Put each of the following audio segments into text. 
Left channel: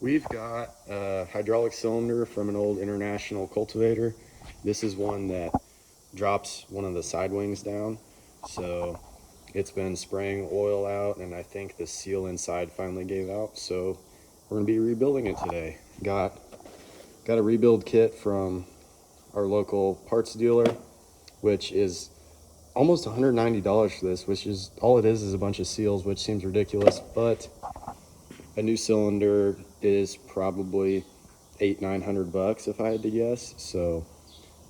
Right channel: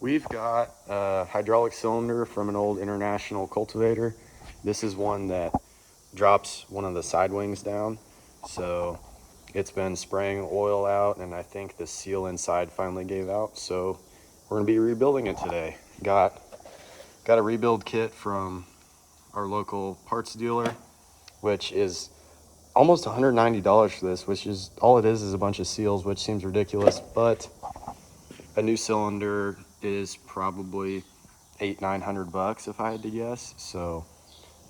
We've got a hydraulic cylinder from an old International Cultivator. This is one that drops one of the side wings down. So it's been spraying oil out, and I think the seal inside finally gave out. So we're gonna be rebuilding it today. Got a rebuild kit from our local parts dealer, which is almost $190 for this, which is all it is a bunch of seals, which seems ridiculous, but a new cylinder is probably $800-900 if I had to guess. So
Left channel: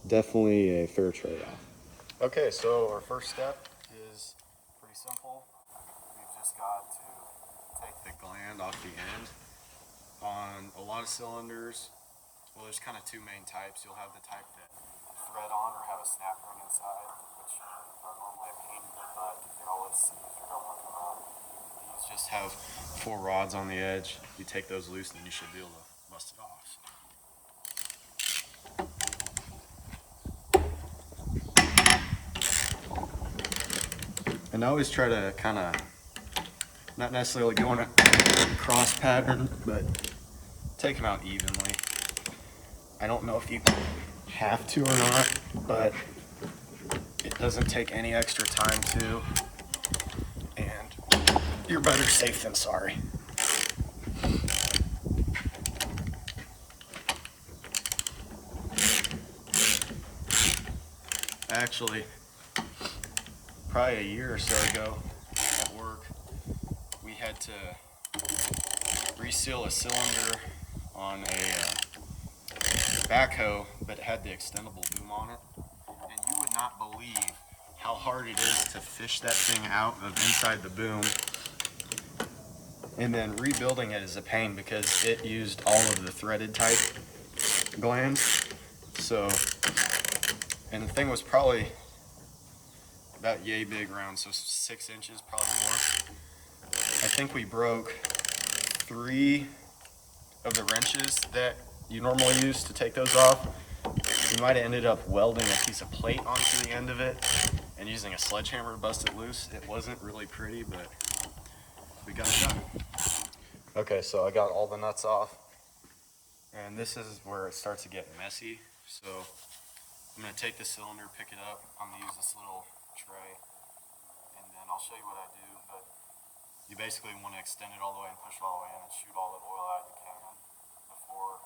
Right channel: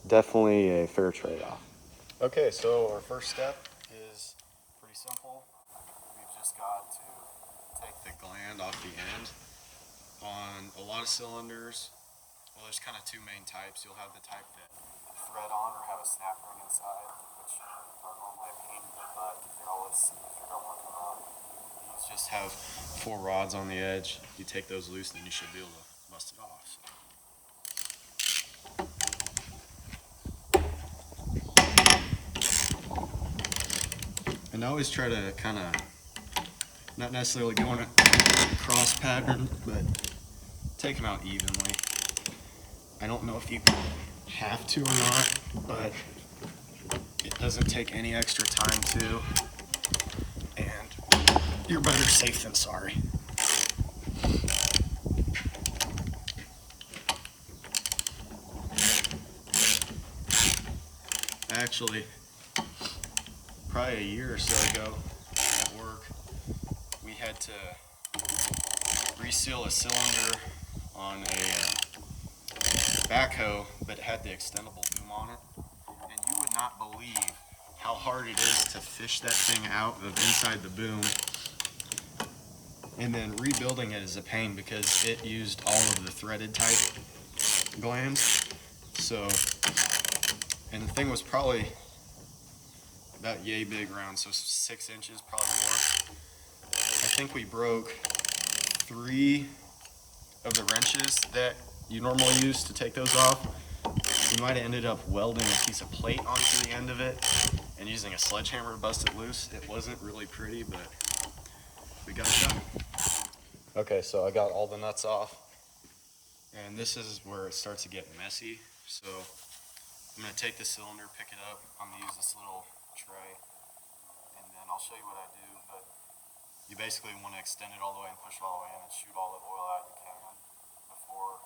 definitely a fair trade-off. Okay, so our first step is pretty simple. We've just got to take the gland off the end. On a lot of cylinders, well, there's kind of two main types. You'll have the type that thread on or have a snap ring inside, which are normally a pain in the butt because they always seize or don't want to come out. These just have 4 rods on the edge. You take those loose, then you should be able to bust it off. And I always try to kind of, not necessarily go in a cross pattern, but take them out evenly. I don't know if you have to or not, but it doesn't take any extra time to, and you're better safe than sorry. Actually, probably a year or so ago at work, we had to reseal a cylinder on a backhoe, but it had the extendable boom on it. And you would not believe how hard it is to fish that thing out of inside the boom. And then rebuilding it is a pain because it used all of the threaded type glands. So, and the thing was probably about yay big round, so 6 inches, probably more. I think we broke 3 of the wrenches that you normally use to take those off. We might have ended up welding a piece of plate onto the end of it and using a sledgehammer to bust it loose. It wasn't really pretty, but we got it done. Okay, so I got all the nuts off, and this is where it starts to get messy. So I'm gonna take the cylinder, pick it up. I'm gonna use this little tray, and then I'll show you what I do, but you basically want to extend it all the way and push it all the way in and shoot all the oil out you can before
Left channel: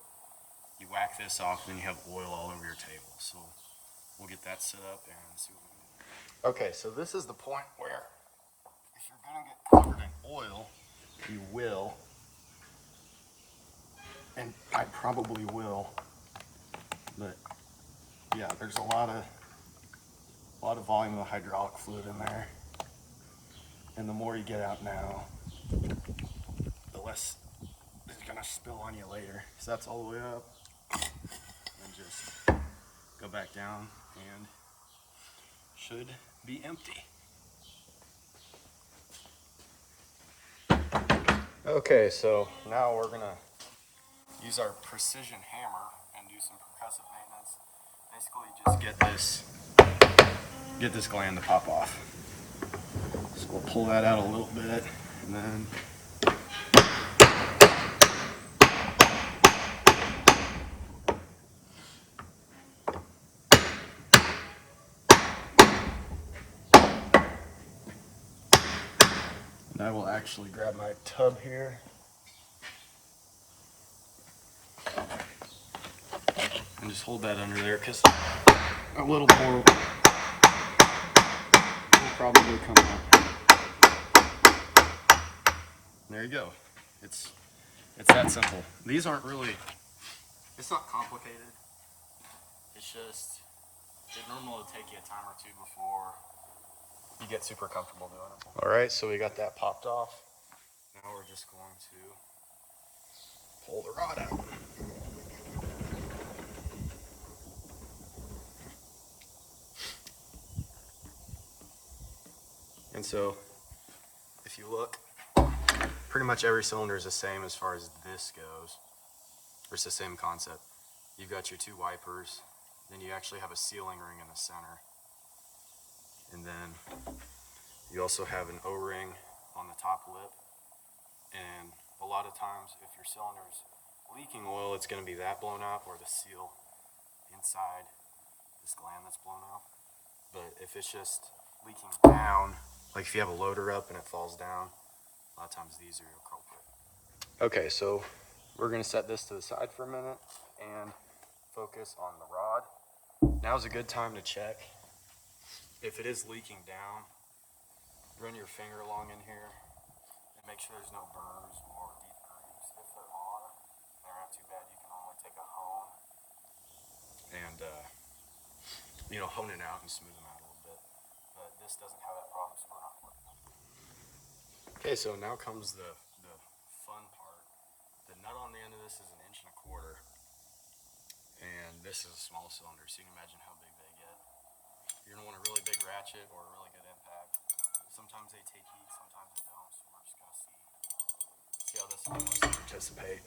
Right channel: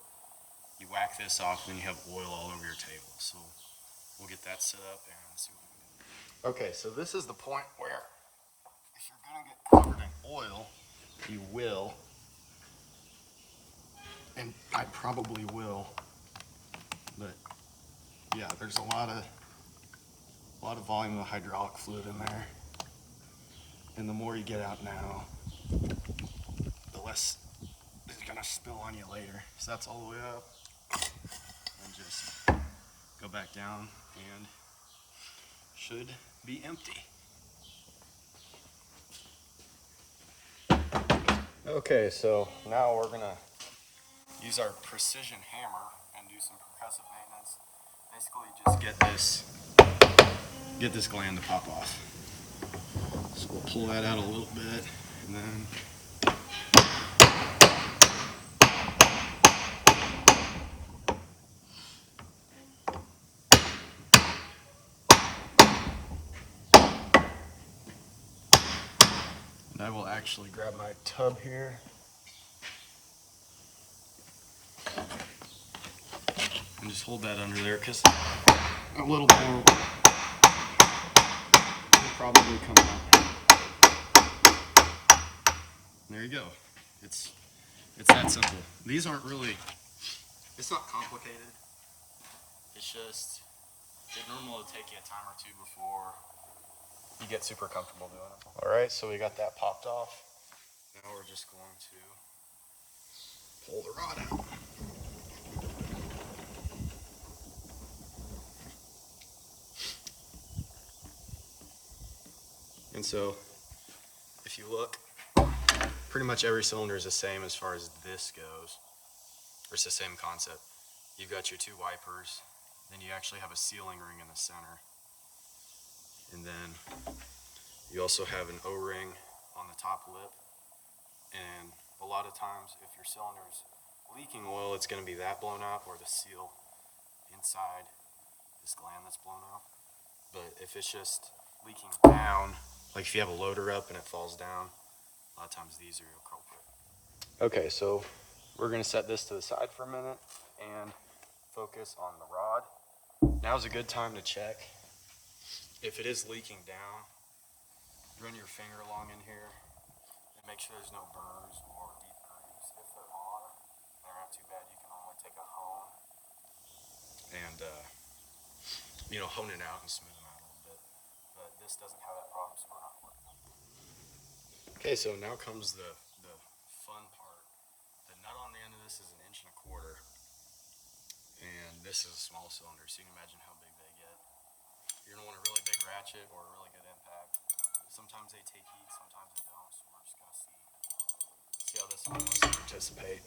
you whack this off, then you have oil all over your table. So we'll get that set up and see what we can do. Okay, so this is the point where if you're gonna get covered in oil, you will, and I probably will, but yeah, there's a lot of volume of hydraulic fluid in there, and the more you get out now, the less is gonna spill on you later. So that's all the way up, and just go back down, and should be empty. Okay, so now we're gonna use our precision hammer and do some percussive maintenance. Basically just get this gland to pop off. So we'll pull that out a little bit, and then I will actually grab my tub here and just hold that under there, because a little more will probably come out. There you go. It's that simple. These aren't really, it's not complicated. It's just, it normally will take you a time or two before you get super comfortable doing it. All right, so we got that popped off. Now we're just going to pull the rod out. And so, if you look, pretty much every cylinder is the same as far as this goes. It's the same concept. You've got your 2 wipers, then you actually have a sealing ring in the center. And then you also have an O-ring on the top lip. And a lot of times, if your cylinder's leaking oil, it's going to be that blown out, or the seal inside this gland that's blown out. But if it's just leaking down, like if you have a loader up and it falls down, a lot of times these are your culprit. Okay, so we're going to set this to the side for a minute and focus on the rod. Now's a good time to check. If it is leaking down, run your finger along in here and make sure there's no burrs or deep grooves. If there are, they're not too bad. You can only take a hone and hone it out and smooth them out a little bit. But this doesn't have that problem, so we're not working. Okay, so now comes the fun part. The nut on the end of this is 1.25 inches, and this is a small cylinder, so you can imagine how big they get. You're gonna want a really big ratchet or a really good impact. Sometimes they take heat, sometimes they don't, so we're just gonna see how this one wants to participate.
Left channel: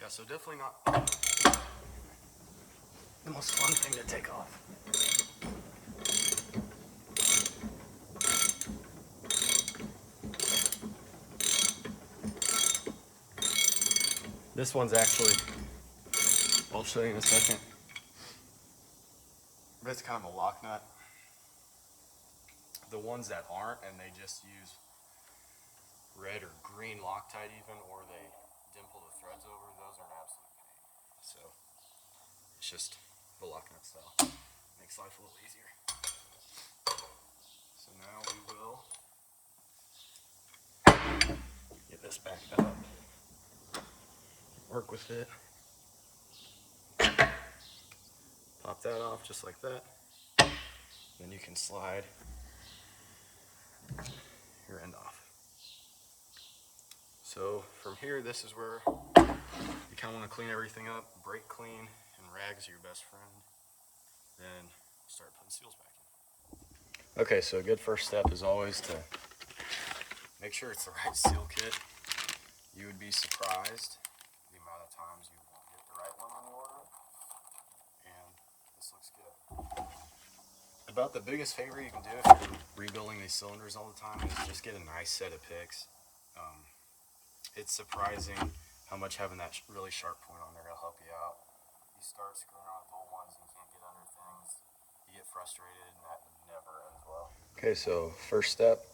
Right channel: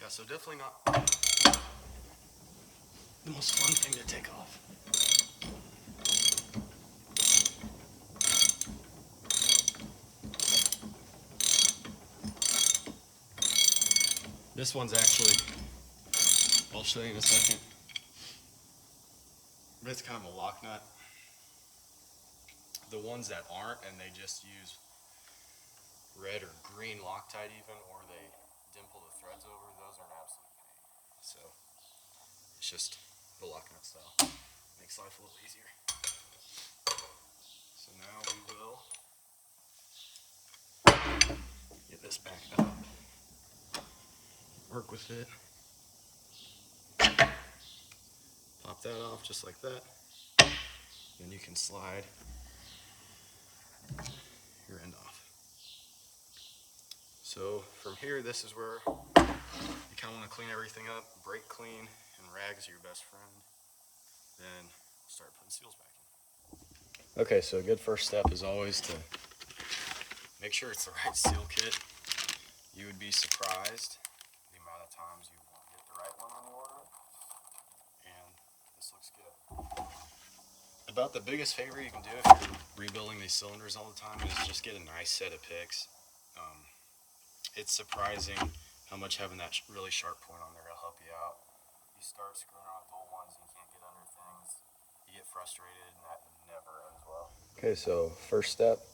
Yeah, so definitely not the most fun thing to take off. This one's actually, I'll show you in a second, but it's kind of a lock nut. The ones that aren't, and they just use red or green Loctite even, or they dimple the threads over, those are an absolute pain. So it's just the lock nut style. Makes life a little easier. So now we will get this back up, work with it, pop that off just like that. Then you can slide your end off. So from here, this is where you kind of want to clean everything up, brake clean, and rags are your best friend. Then start putting seals back in. Okay, so a good first step is always to make sure it's the right seal kit. You would be surprised the amount of times you won't get the right one when you order it. And this looks good. About the biggest favor you can do if you're rebuilding these cylinders all the time is just get a nice set of picks. It's surprising how much having that really sharp point on there will help you out. You start screwing around with old ones and you can't get under things. You get frustrated and that never ends well. Okay, so first step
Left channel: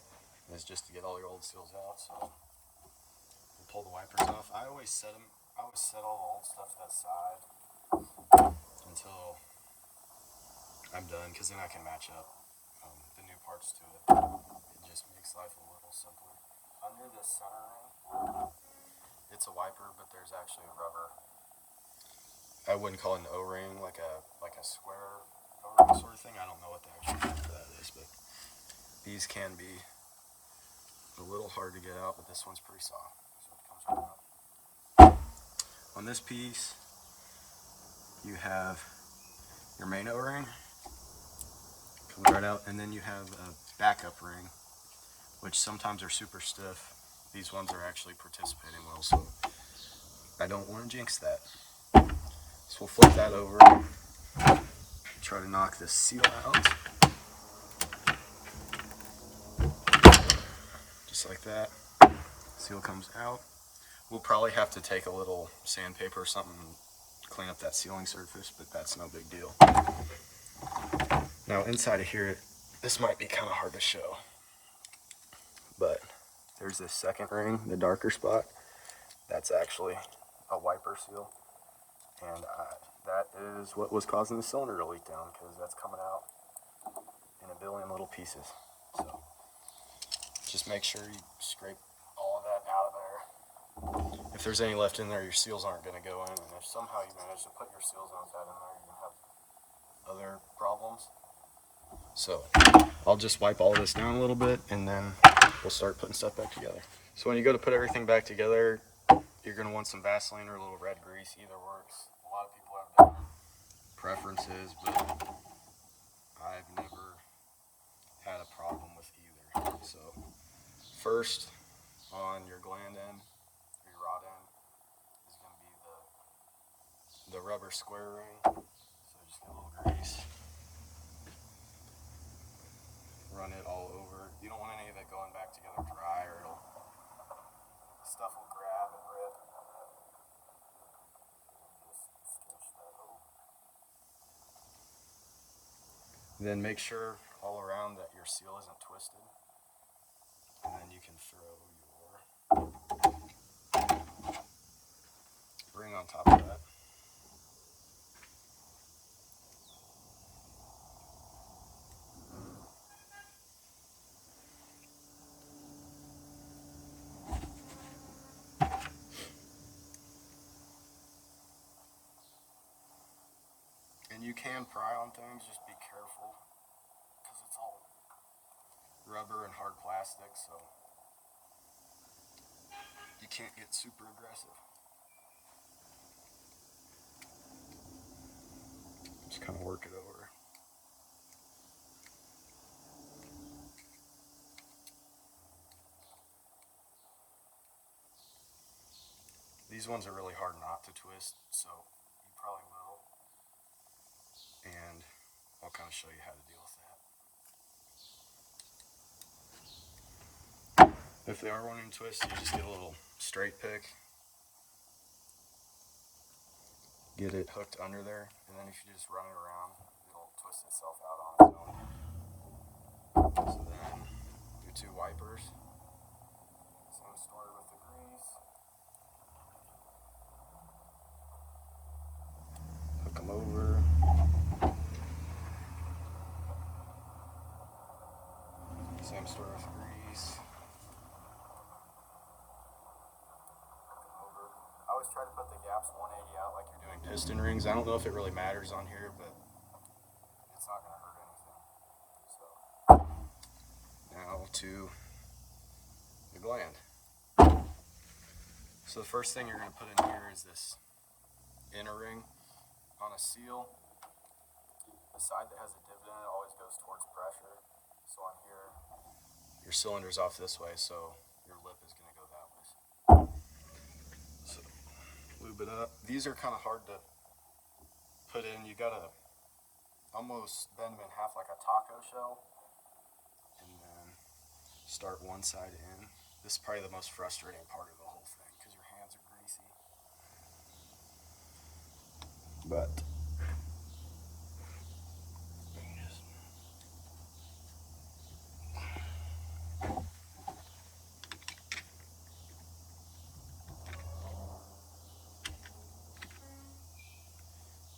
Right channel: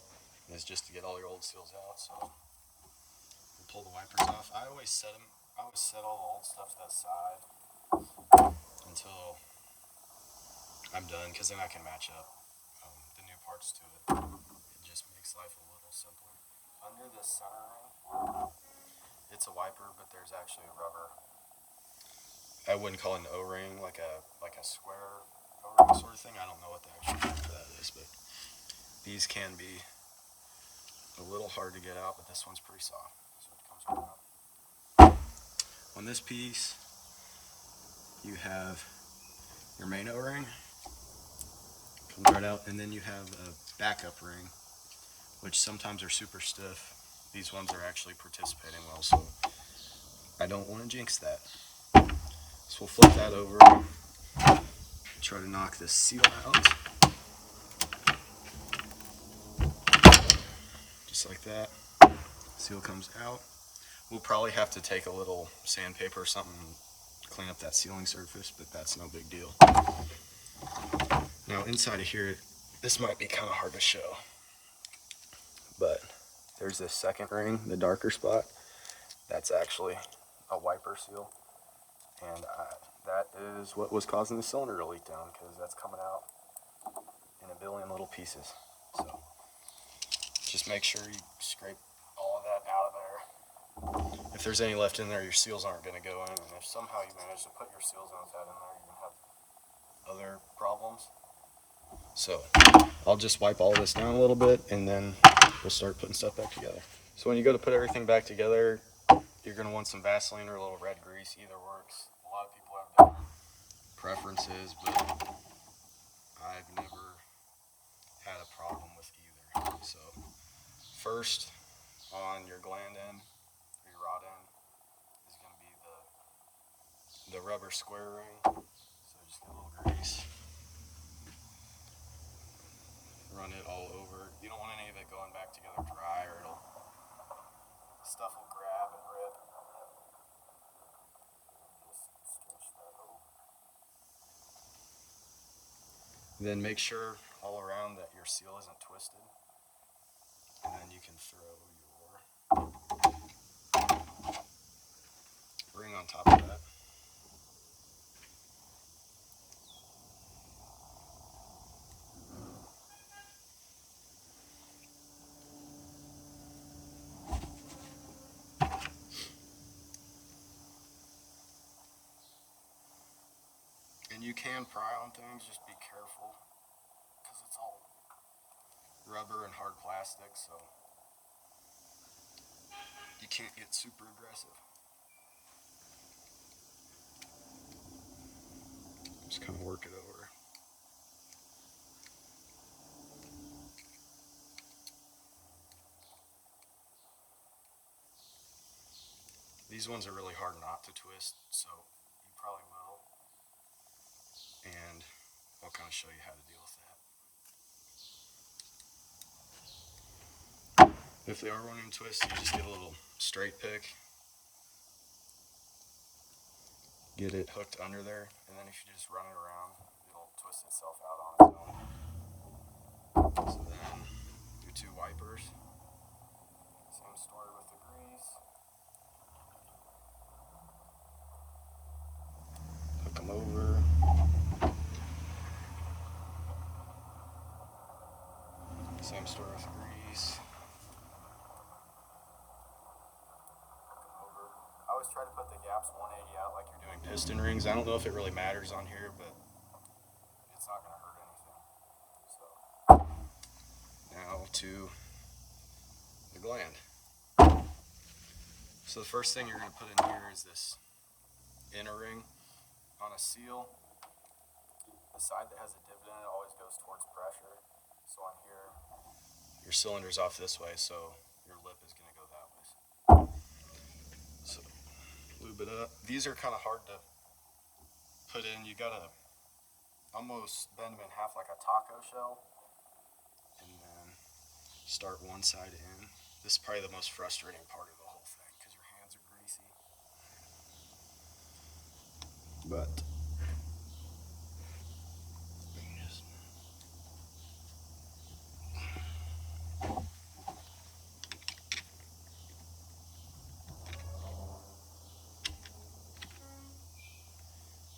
is just to get all your old seals out. So we'll pull the wipers off. I always set all the old stuff to that side until I'm done, because then I can match up the new parts to it. It just makes life a little simpler. Under the center ring, it's a wiper, but there's actually a rubber. I wouldn't call it an O-ring, like a square O-ring sort of thing. I don't know what the actual name for that is, but these can be a little hard to get out, but this one's pretty soft, so it comes right out. On this piece, you have your main O-ring, comes right out, and then you have a backup ring, which sometimes are super stiff. These ones are actually participating well, so I don't want to jinx that. So we'll flip that over, try to knock this seal out. Just like that. Seal comes out. We'll probably have to take a little sandpaper or something and clean up that sealing surface, but that's no big deal. Now inside of here, this might be kind of hard to show, but there's this second ring, the darker spot. That's actually a wiper seal, and that is what was causing the cylinder to leak down, because that's coming out in a billion little pieces. So just make sure you scrape all of that out of there. If there's any left in there, your seals aren't going to go in, and if somehow you manage to put your seals in with that in there, you're going to have other problems. So I'll just wipe all of this down a little bit and then we'll start putting stuff back together. So when you go to put everything back together, you're going to want some Vaseline or a little red grease. Either works. A lot of people have different preferences, but I've never had a problem with either. So first on your gland end or your rod end is going to be the rubber square ring. So just get a little grease. Run it all over. You don't want any of it going back together dry or stuff will grab and rip. Just stretch that over. Then make sure all around that your seal isn't twisted. And then you can throw your ring on top of that. And you can pry on things, just be careful because it's all rubber and hard plastic, so you can't get super aggressive. Just kind of work it over. These ones are really hard not to twist, so you probably will. And I'll kind of show you how to deal with that. If they are wanting to twist, you just get a little straight pick. Get it hooked under there, and then if you just run it around, it'll twist itself out on its own. So then, your two wipers. Same story with the grease. Hook them over. Same story with grease. I always try to put the gaps 180 out like you're doing piston rings. I don't know if it really matters on here, but it's not going to hurt anything. So now to the gland. So the first thing you're going to put in here is this inner ring. On a seal, the side that has a divot in it always goes towards pressure. So on here, your cylinder's off this way, so your lip is going to go that way. So lube it up. These are kind of hard to put in. You got to almost bend them in half like a taco shell and then start one side in. This is probably the most frustrating part of the whole thing because your hands are greasy. But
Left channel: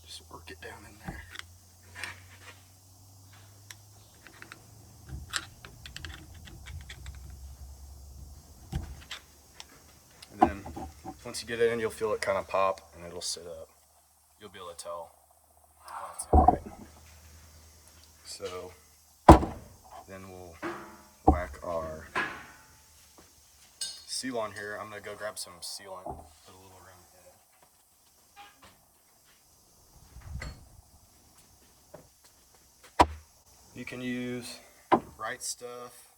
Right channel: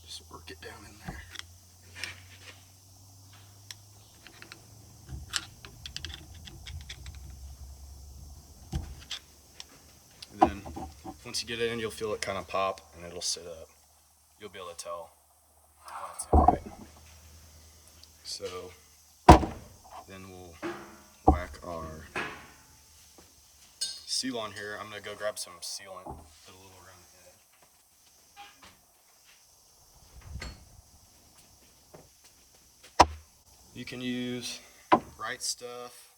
just work it down in there. And then once you get it in, you'll feel it kind of pop and it'll sit up. You'll be able to tell when it's in right. So then we'll whack our seal on here. I'm going to go grab some sealant, put a little around the edge. You can use Right Stuff.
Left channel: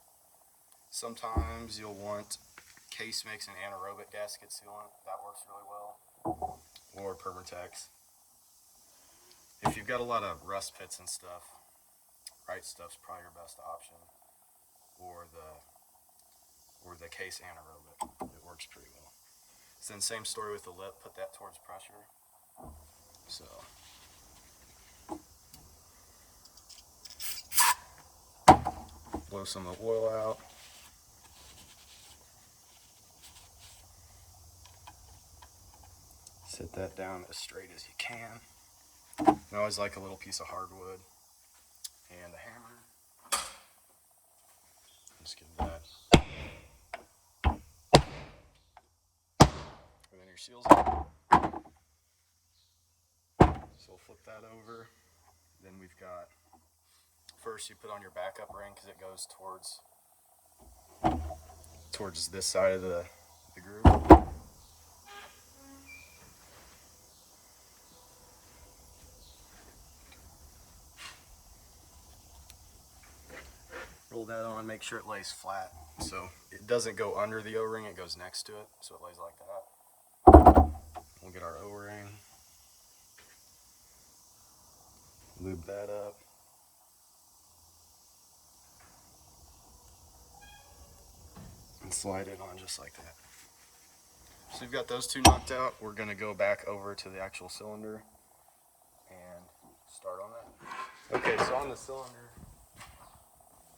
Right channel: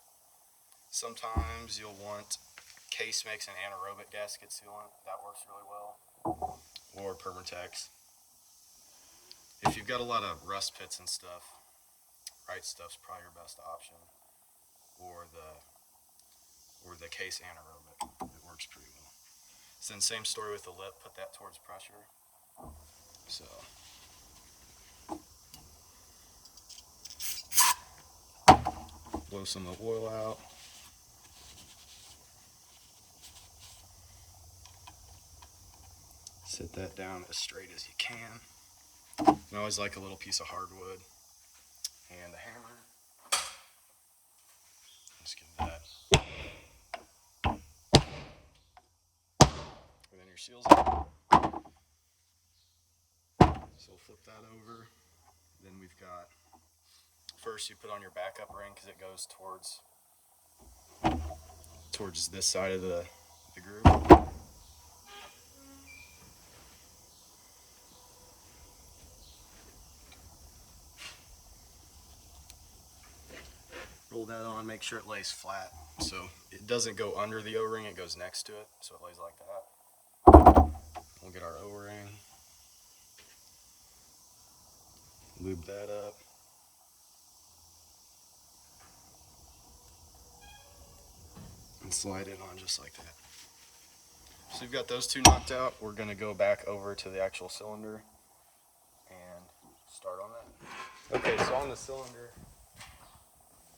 Sometimes you'll want Case makes an anaerobic gasket sealant. That works really well. Or Permatex. If you've got a lot of rust pits and stuff, Right Stuff's probably your best option. Or the Case anaerobic. It works pretty well. So then same story with the lip. Put that towards pressure. So blow some of the oil out. Set that down as straight as you can. I always like a little piece of hardwood and a hammer. Just give that. And then your seal's up. So we'll flip that over. Then we've got, first you put on your backup ring because it goes towards this side of the groove. Roll that on, make sure it lays flat. So it doesn't go under the O-ring, it goes next to it, so it lays like that. We'll get our O-ring, lube that up. And slide it on just like that. So we've got those two knocked out. We're gonna go back over to the actual cylinder and start on that. Okay, so on the cylinder,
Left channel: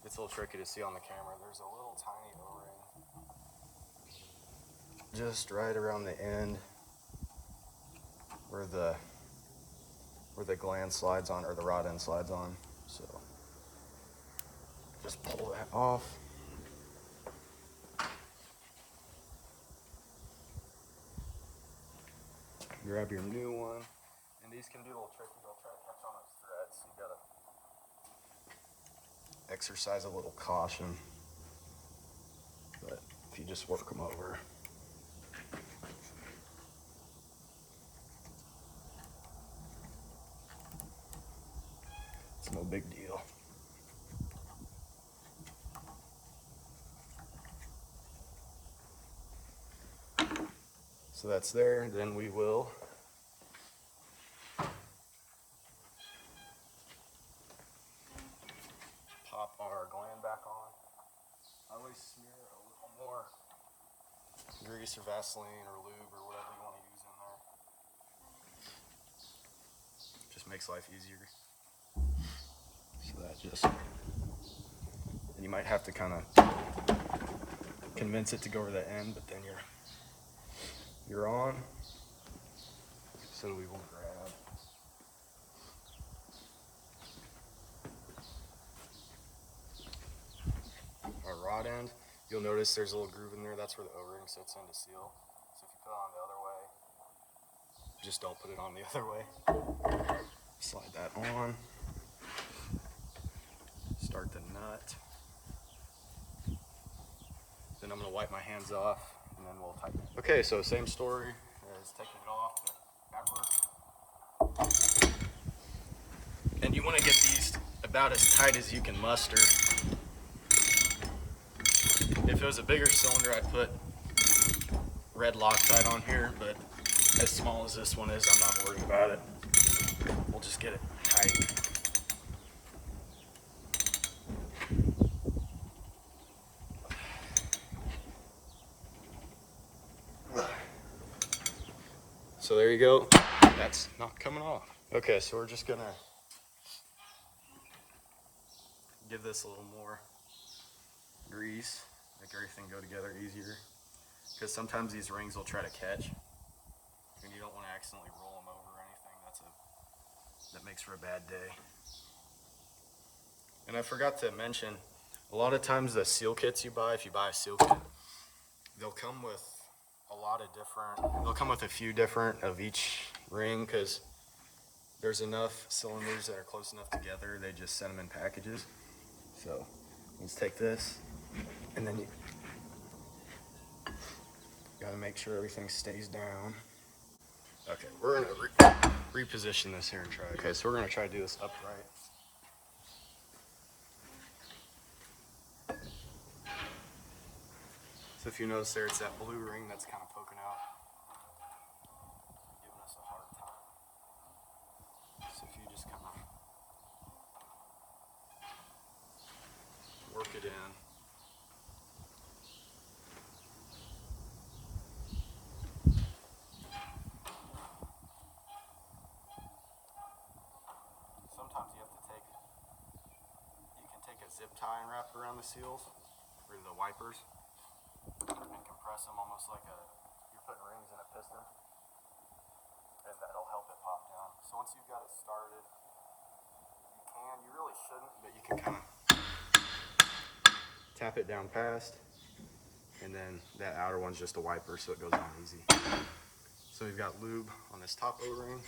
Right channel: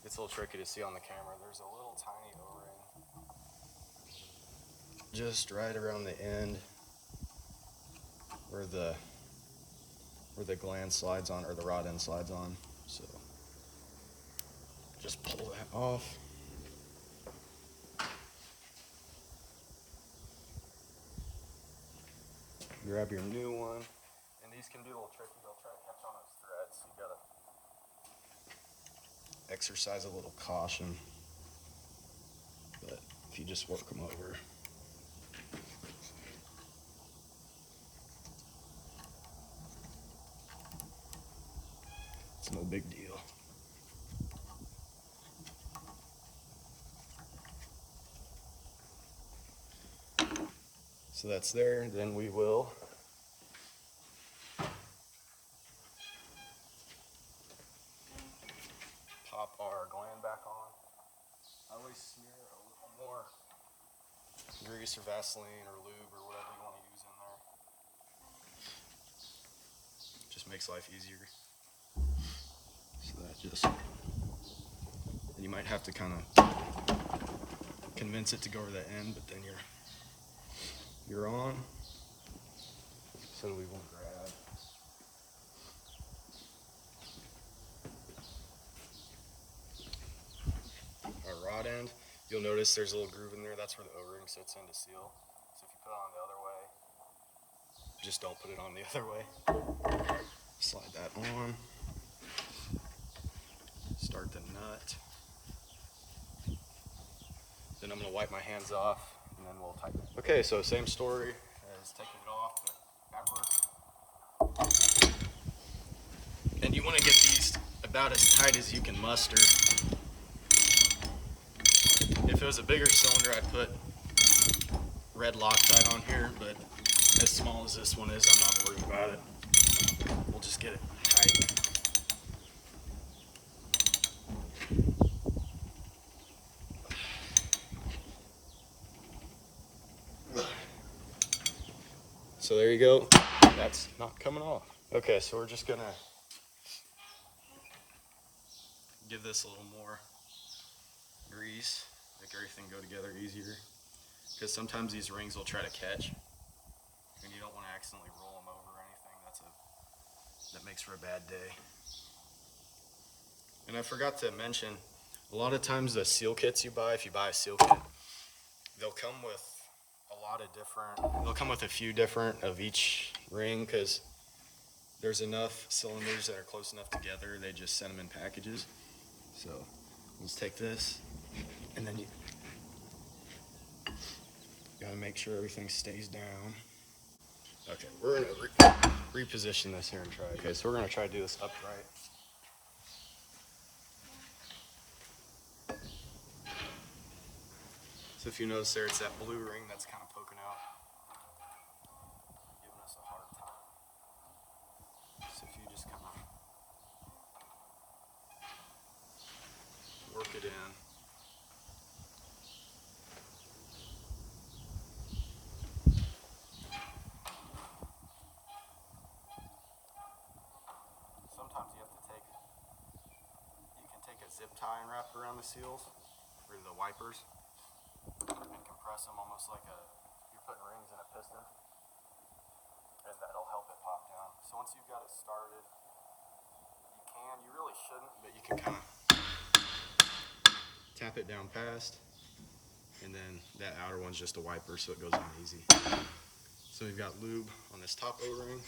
it's a little tricky to see on the camera. There's a little tiny O-ring just right around the end where the gland slides on, or the rod end slides on. So just pull that off. Grab your new one. And these can be a little tricky. They'll try to catch on those threads. So you gotta exercise a little caution. But if you just work them over. It's no big deal. So that's there. Then we will pop our gland back on. I always smear a little more grease or Vaseline or lube or whatever you want to use in there. Just makes life easier. So that just, and you might have to kind of convince it to go over the end, but then you're on. So we will grab our rod end. You'll notice there's a little groove in there. That's where the O-ring sits in to seal. So if you put it on the other way, just don't put it on the other way. Slide that on. Start the nut. Then I'm gonna wipe my hands off and then we'll tighten it. Okay, so same story as taking it off, but backwards. And you wanna get these about as tight as you can muster. If it was a bigger cylinder, I'd put red Loctite on here, but as small as this one is, I'm not worried about it. We'll just get it tight. So there you go. That's not coming off. Okay, so we're just gonna give this a little more grease, make everything go together easier. Because sometimes these rings will try to catch, and you don't want to accidentally roll them over or anything. That makes for a bad day. And I forgot to mention, a lot of times the seal kits you buy, if you buy a seal kit, they'll come with they'll come with a few different of each ring, because there's enough cylinders that are close enough together, they just send them in packages. So let's take this, and then you gotta make sure everything stays down. Okay, we're gonna reposition this here and try. Okay, so we're gonna try to do this upright. So if you notice there, it's that blue ring that's kind of poking out, giving us a hard time. So if you just kind of work it in. Sometimes you can take a zip tie and wrap it around the seals, or the wipers, and compress them almost like you're putting rings in a piston, and that'll help it pop down. So once you've got it started, you really shouldn't, but you can kind of tap it down past, and then that outer one's just a wiper, so it goes on easy. So we've got lube on this top O-ring.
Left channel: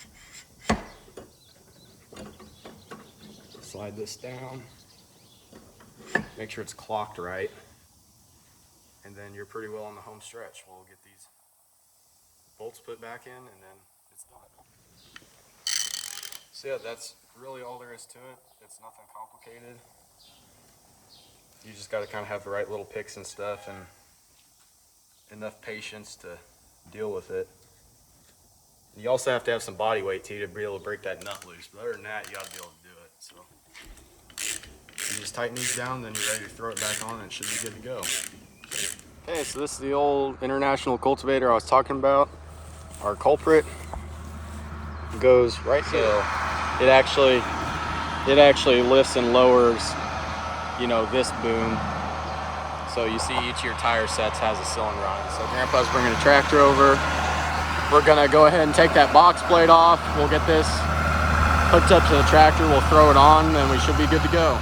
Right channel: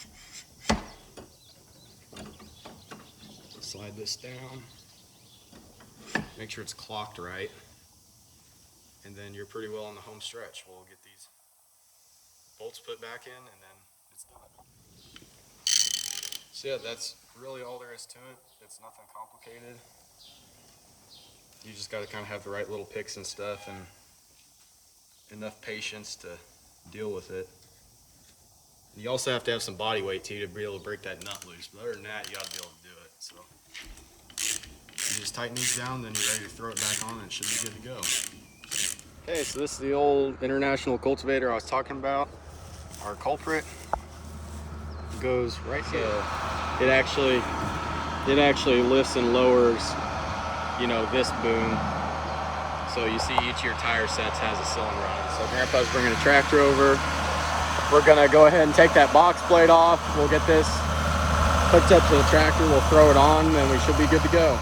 slide this down. Make sure it's clocked right. And then you're pretty well on the home stretch. We'll get these bolts put back in and then it's done. So yeah, that's really all there is to it. It's nothing complicated. You just got to kind of have the right little picks and stuff and enough patience to deal with it. You also have to have some body weight too to be able to break that nut loose. But other than that, you got to be able to do it. So you just tighten these down, then you're ready to throw it back on and it should be good to go. Okay, so this is the old International Cultivator I was talking about. Our culprit goes right here. So it actually lifts and lowers, you know, this boom. So you see each of your tire sets has a cylinder on it. So Grandpa's bringing a tractor over. We're gonna go ahead and take that box plate off. We'll get this hooked up to the tractor. We'll throw it on and we should be good to go.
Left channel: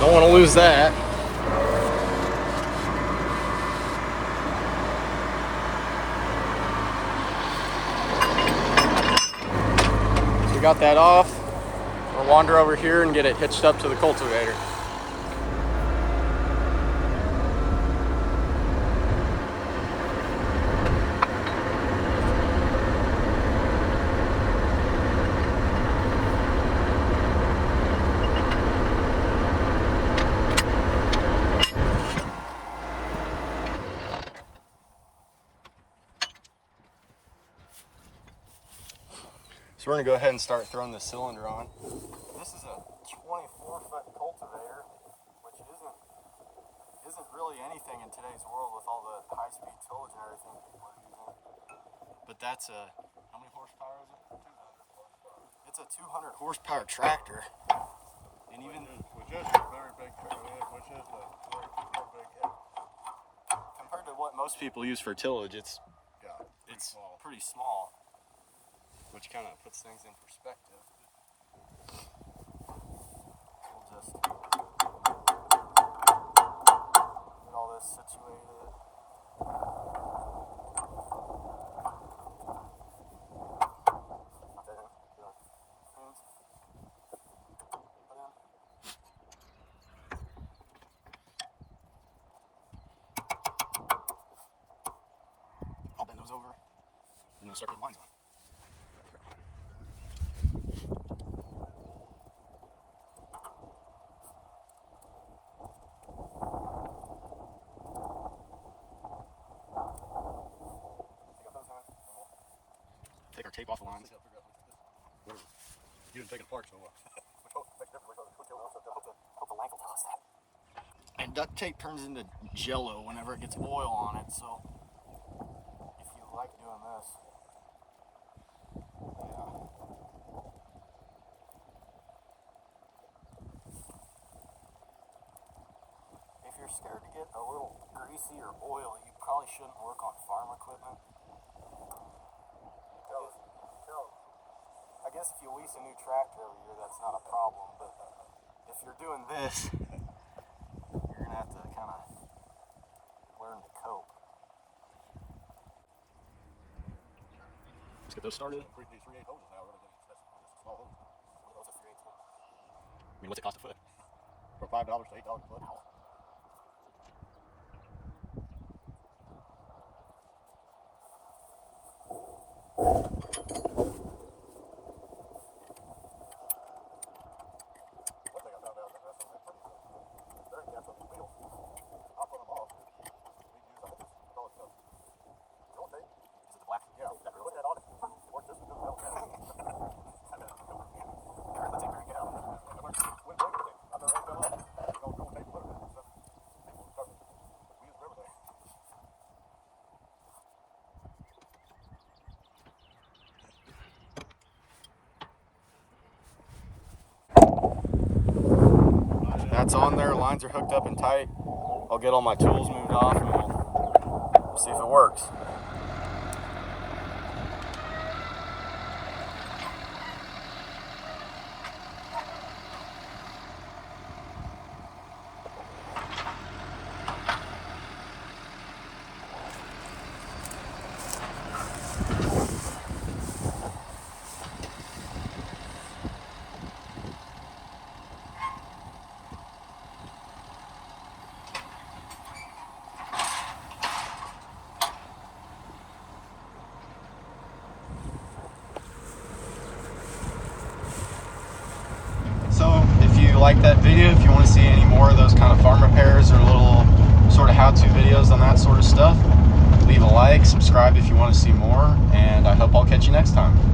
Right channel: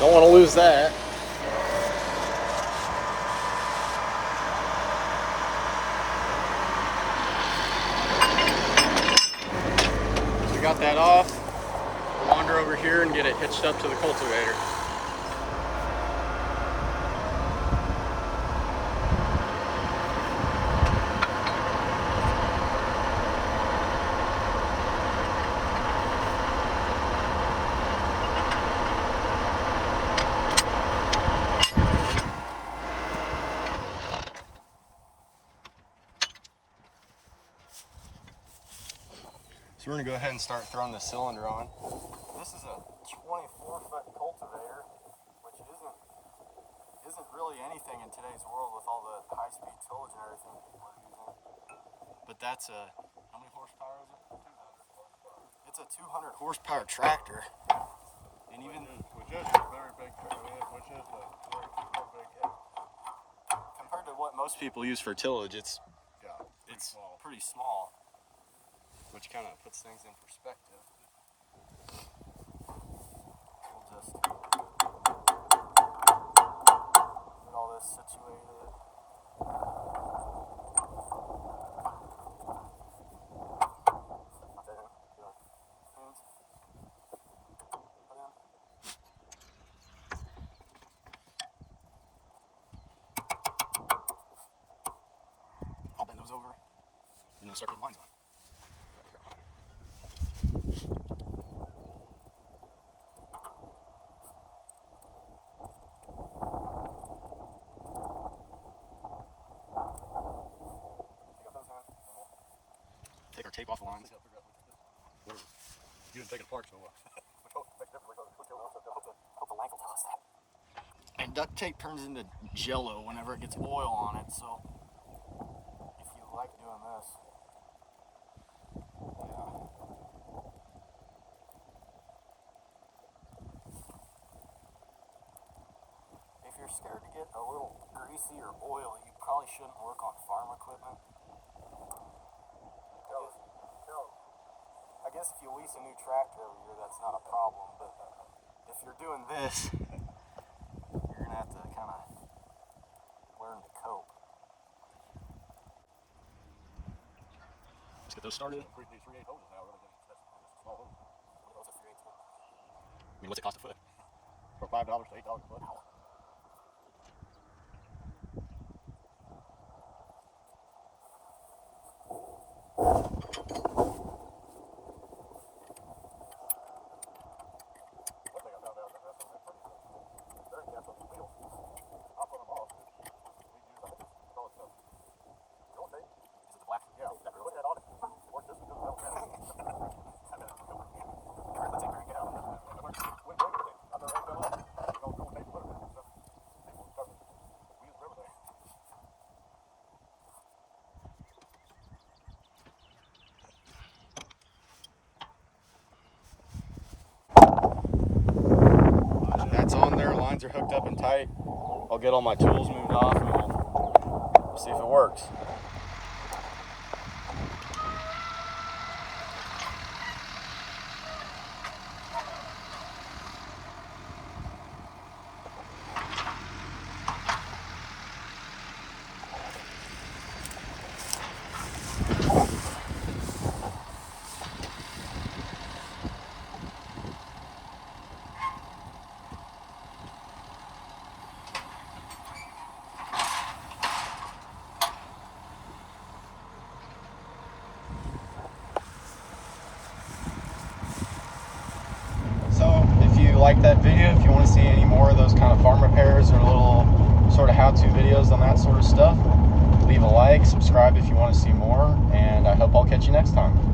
Don't want to lose that. We got that off. We'll wander over here and get it hitched up to the cultivator. So we're gonna go ahead and start throwing the cylinder on. This is a 24-foot cultivator, which isn't really anything in today's world with all the high-speed tillage and everything we're using. But that's a, how many horsepower is it? 200 horsepower. It's a 200 horsepower tractor. And even which is a very big compared to what most people use for tillage, it's pretty small. Which kind of puts things in perspective. We'll just get all this situated. I'll bend those over and then start the lines on. Take our tape off the lines. You can take it apart so well. And duct tape turns into jello whenever it gets oil on it, so if you like doing this, if you're scared to get a little greasy or oil, you probably shouldn't work on farm equipment. I guess if you lease a new tractor every year, that's not a problem, but if you're doing this, you're going to have to kind of learn to cope. Let's get those started. 3/8 hoses now, really. Small hoses. Those are 3/8. I mean, what's it cost a foot? From $5 to $8 a foot. it's on there, lines are hooked up and tight, I'll get all my tools moved off and we'll see if it works. So if you like that video, if you want to see any more of those kind of farm repairs or little sort of how-to videos on that sort of stuff, leave a like, subscribe if you want to see more, and I hope I'll catch you next time.